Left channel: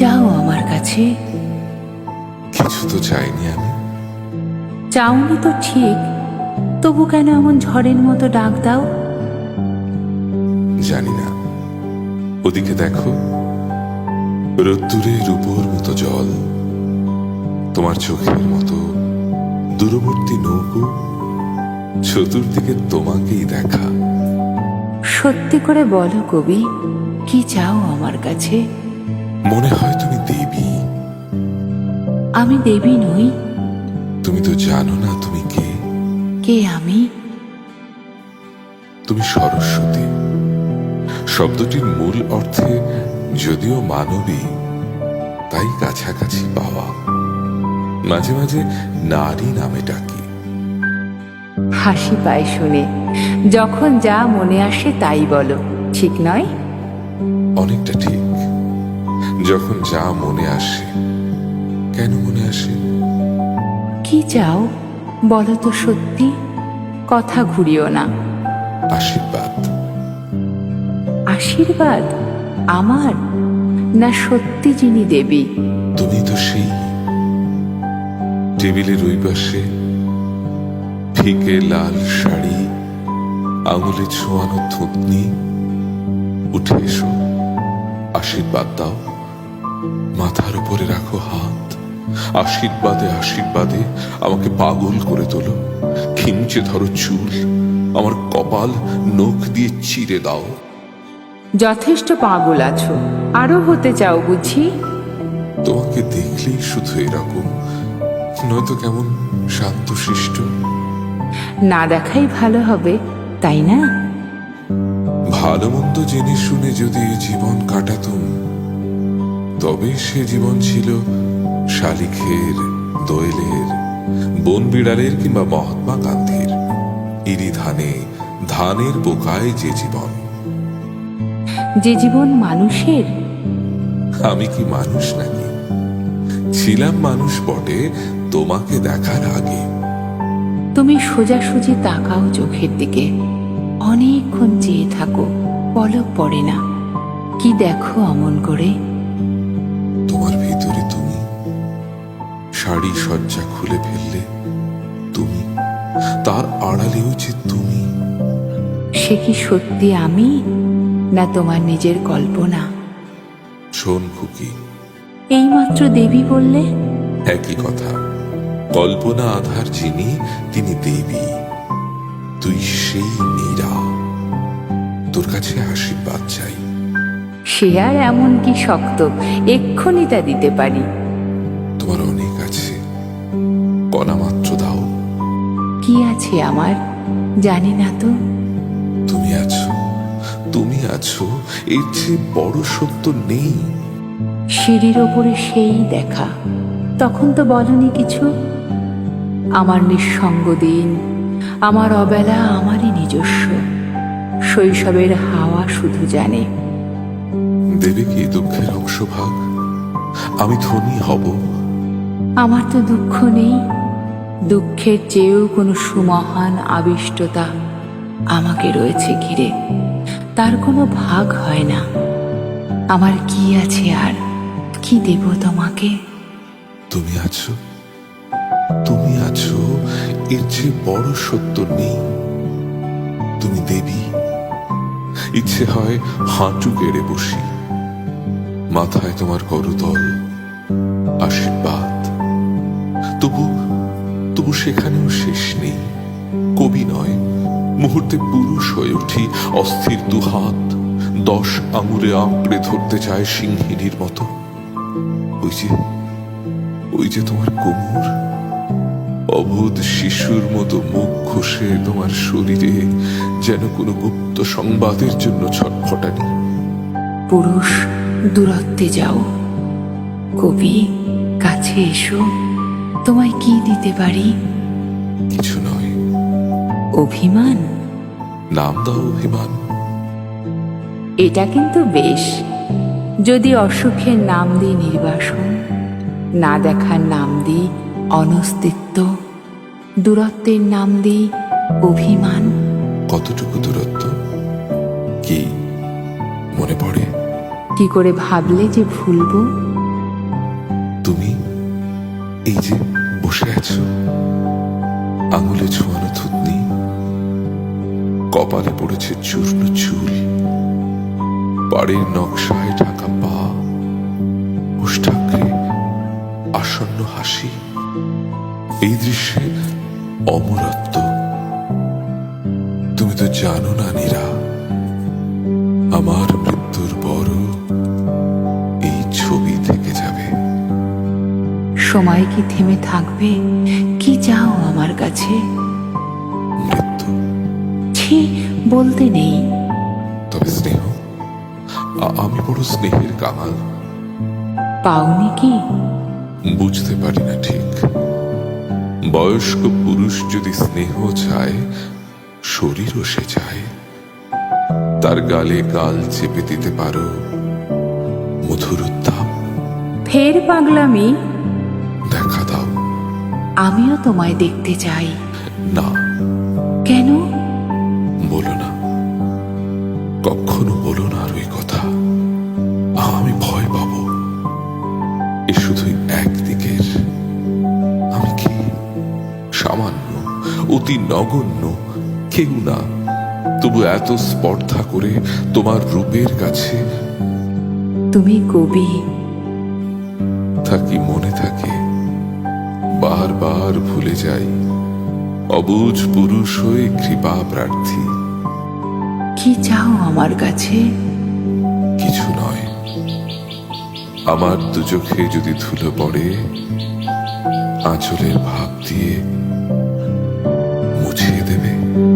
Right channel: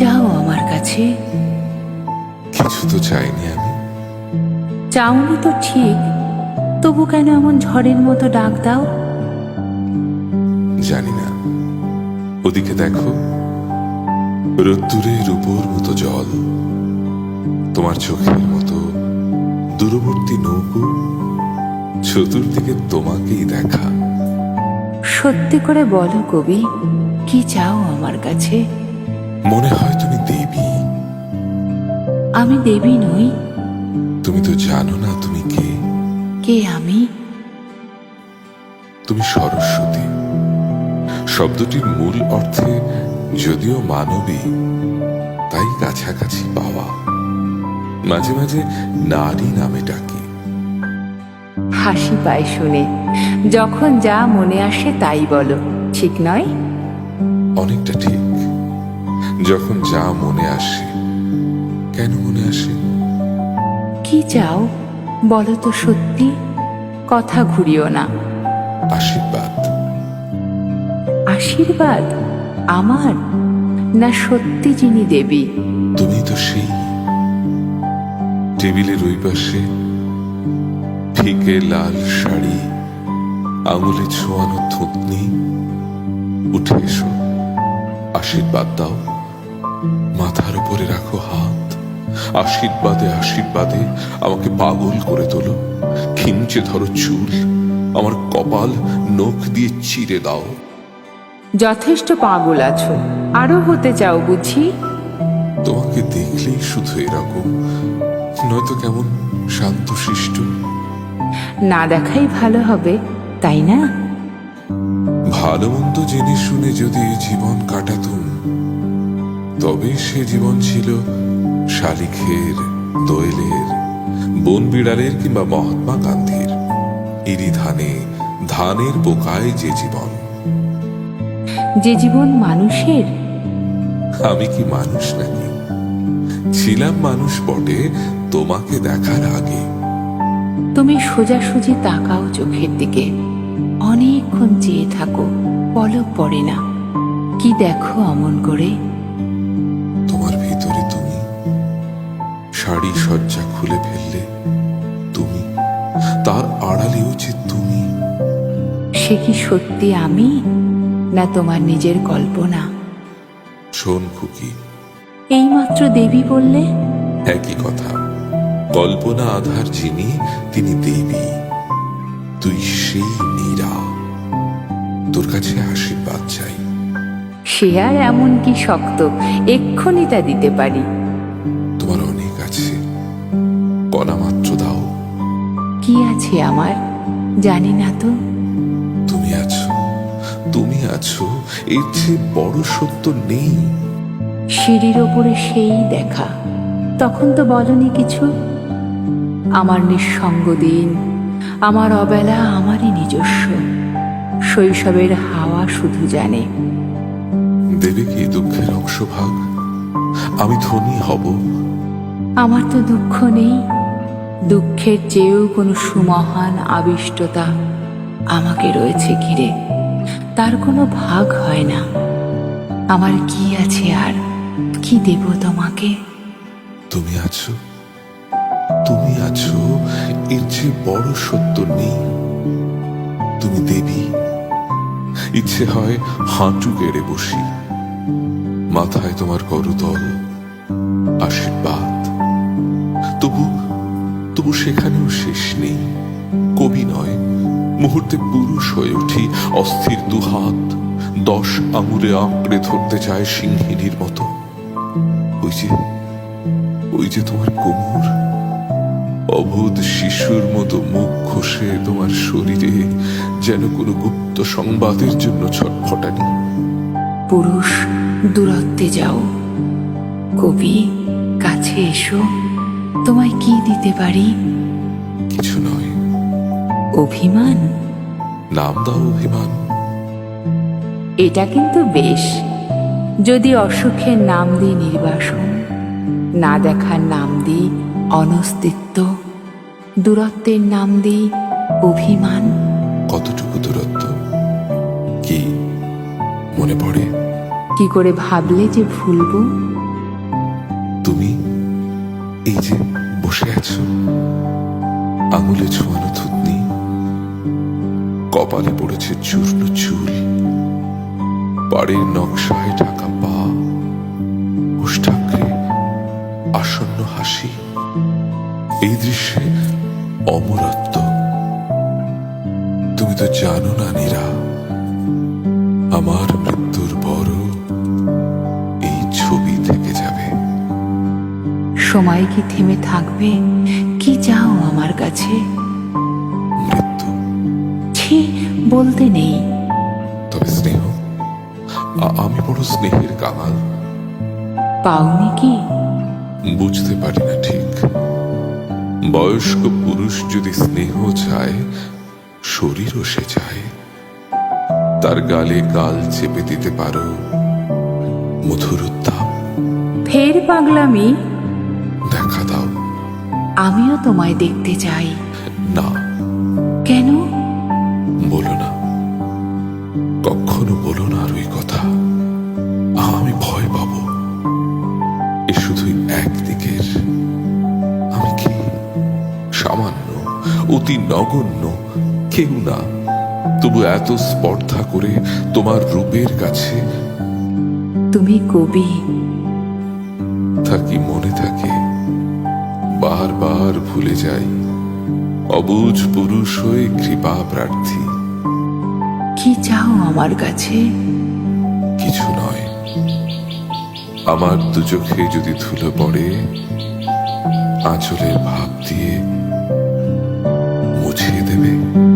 চাও আমার কাছে কিছু তো চাইনি আমি চাওনি তো ঠিক তবু কেন এমন ঝড়ের মতো ডাক দাও জানি না ওদিকে দেখো রোদ্দুরের উপর মতো জল তোমার চোখের মতো দূরবর্তী নৌকো চতুর্দিকে তোমাকেই দেখা সত্যি করে বলো কবি কি চাও আমার কাছে মনে হয় তুমি দেবী আমি দেবী নই তুমি তো জানো না তুমি কে কে আমি তুমি সরস্বতী শব্দটির মূল অর্থে যদিও মানবী তাই কাছাকাছি পাওয়া মাঝে মাঝে নারী নামে ডাকি হাসি পায় শুনে যখন যা মনে আসে তাই বলো ঠিক নয় অনেকটা ঠিক যখন যা মনে আসে কেন মনে আসে কি চাও বলো তো সত্যি কথা ঘুরিও না আশীর্বাদ আশীর্বাদ আমার না সত্যি যিনি দেবী তুমি তো সেই টেবিলের ওই পাশে ফিকে লাল শাড়ি আঙুলে ছোঁয়ানো থুতনি উঠে এসো আশীর্বাদ দাও মাথার উপরে রাখো হাত আশীর্বাদে আশীর্বাদে আমাকে পাগল করে তোলো খিঞ্চে ধরো চুল আমার কপাল নখ দিয়ে চিরে দাও যথেষ্ট পাগল আছো আরো হতে চাও বুঝি তোমাকে দেখলেই শুধু এরকম নয়তো কেমন শান্তশিষ্ট না দেখাই ভালো হবে তাই না ভালো মন্দ জেনে শুনে যদি জীবন কাটাতুম তবে সে জীবন ছিল শালিখের দোয়েলের বন বিড়ালের কিংবা মহাত্মা গান্ধীর ইরি ধানে ধানের বোকায় যে জীবন যে জীবন মানুষের আমি কি মানুষ নাকি ছিলাম মানুষ বটে তোমাকে দেখার আগে তুমি সোজাসুজি তাকাও চোখের দিকে অনেকক্ষণ চেয়ে থাকো পলক পড়ে না কি দেখো অমন করে তোমার ভিতরে তুমি শাড়ি সজ্জা খুলে ফেললে তুমি তার আড়ালেও যে তুমি সে কি সত্যি আমি না তোমার নিজের কল্পনা শোন খুকি এইমাত্র দেবী বললে একই কথা কল্পনা আধার যিনি তিনি দেবী তুই সেই নীরা তোর কাছে আশীর্বাদ চাই সে আর এমন কি শক্ত এক্ষুনি তা দিতে পারি তোমার অনেক আছে কণা মাত্র দাও কি আছে আমার জানি না তো তুমি আছো তুমি আছো এর চেয়ে বড় সত্য নেই সিঁড়ির ওপরে সেই দেখা তখন তো বলনি কিছু আমার নিঃসঙ্গ দিন আমার অবেলা আমারই নিজস্ব শৈশবের হাওয়া শুধু জানে দেবে কি দুঃখের ভাগ আমি ধনী হব আমার তো দুঃখ নেই দুঃখের চেয়েও কোনো সুমহান আবিষ্টতা আমাকে রয়েছে ঘিরে তার কোনো ভাগ হয় না আমার কি আছে আর কি দেব তোমাকে তুমি আছো তুমি আছো এর চেয়ে বড় সত্য নেই তুমি দেবী ইচ্ছে হয় হাঁটু গেড়ে বসি মাথায় তোমার করতল আশীর্বাদ তবু তবু সেখানেও শেষ নেই কবি নয় মুহূর্তে পুরুষ হয়ে উঠি অস্থির দুহাত দশ আঙুরে আঁকড়ে ধরতে চায় সিংহিনীর মতো ওই যে ওই যে তোমার কোমর অবোধ শিশুর মতো মুখ ঘষে তোমার শরীরে যেন কোনো গুপ্ত সংবাদের জন্য ছটফটানি পুরুষ দূরত্বে যাও কবি কাছে এসো তোমায় কি দিতে পারি কিছু নয় অভিমান নাম দাও অভিমান এটা কিন্তু বেশ যদি অসুখের নাম দিই নির্বাসন না দেখার নাম দিই অনস্তিত্ব দূরত্বের নাম দিই অভিমান কতটুকু দূরত্ব কি মনে পড়ে কি করে ভাবলে যে ভুলব তুমি এই যে বসে আছো আঙুলে ছোঁয়ানো থুতনি কপালে পড়েছে চূর্ণ চুল পাড়ের নকশায় ঢাকা পা ওষ্ঠাকরে আসন্ন হাসি এই দৃশ্যে অমরত্ব তুমি তো জানো না নীরা আমার মৃত্যুর পরও এই ছবি থেকে যাবে সময় কি থেমে থাকবে কি চাও আমার কাছে মৃত্যু ছি বলতে নেই তবে স্নেহ আমি বড় স্নেহের কামাল পাওনি কি বুঝতে পারি না ঠিক বয়স্ক পুরুষ যদি স্নেহ চায় শরীরও সে চায় তার গালে গাল চেপে দিতে পারো মধুর উত্তাপ ফের পাগলামি দেখা দাও আমিও তোমায় দেখতে চাই না কেন বলো না কখনো বলো না আর ওই কথা আমি ভয় পাবো এ শুধুই একদিকের আমি কি সামান্য অতি নগণ্য কেউ না তবু এত স্পর্ধা করে তোমার রূপের কাছে তুমি কবি থাকি মনে থাকে বারবার ভুলে যাই অবুজ পুরুষ হয়ে কৃপা প্রার্থী কি চাও আমার কাছে কিছু নয় আমার দু চোখে যদি ধুলো পড়ে আঁচলের ভাব দিয়ে বুঝিয়ে দেবে